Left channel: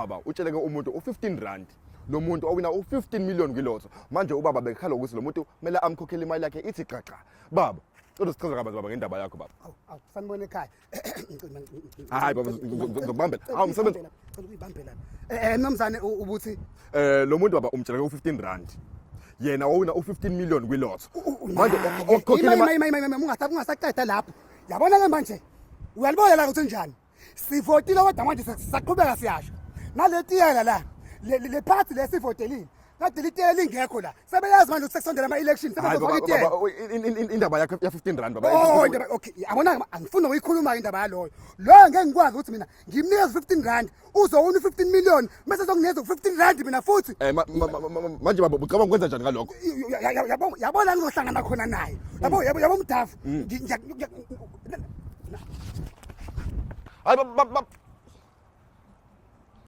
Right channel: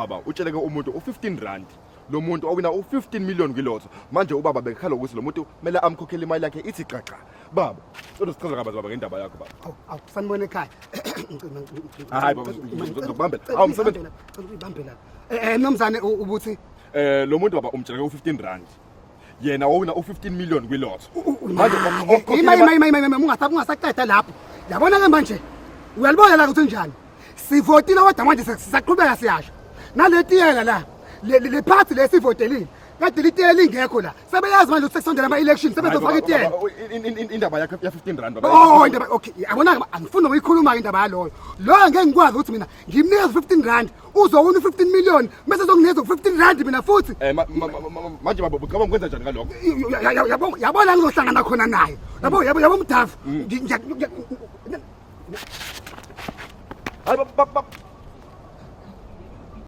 ubaba utsheleke umuntu u15 rand lo muntu owina u15 million kwilotho manje ubaba bekhala ukuthi lo muntu kumele amkhokhele imali yakhe ithi xaxa baba uzozichaza kabanzi baba ngendaba yakho baba awusanibona ekhaya hayi baba ngizokubambela awumsebenzi ibambela nomzane ubuthi lo muntu baba umtsheleke u15 rand yena owina u15 million kwilotho manje ungasaqeda lapho yabona ke manje uyalibona la ukuthi njani sivotile kodwa manje sisaqhubeka siyasho naletiyela la le party lesivotelile kade litiyela ingekho la sebeyazi manje ukuthi sekusondela ama-election sebezofaka itiyela indaba yakhe ya15 rand oh indaba okay yabona angifuni ukuyikhuluma indaba yaloyo lo ngeke ngikwazi ukuthi mina ngimnikeza 15 rand uzowuna 15 million bese sokunikeza 15 rand mina futhi manje baba ucabanga ukwenza njani ngalokho yabona ngizohlangana khona naye yabo mdafu hayi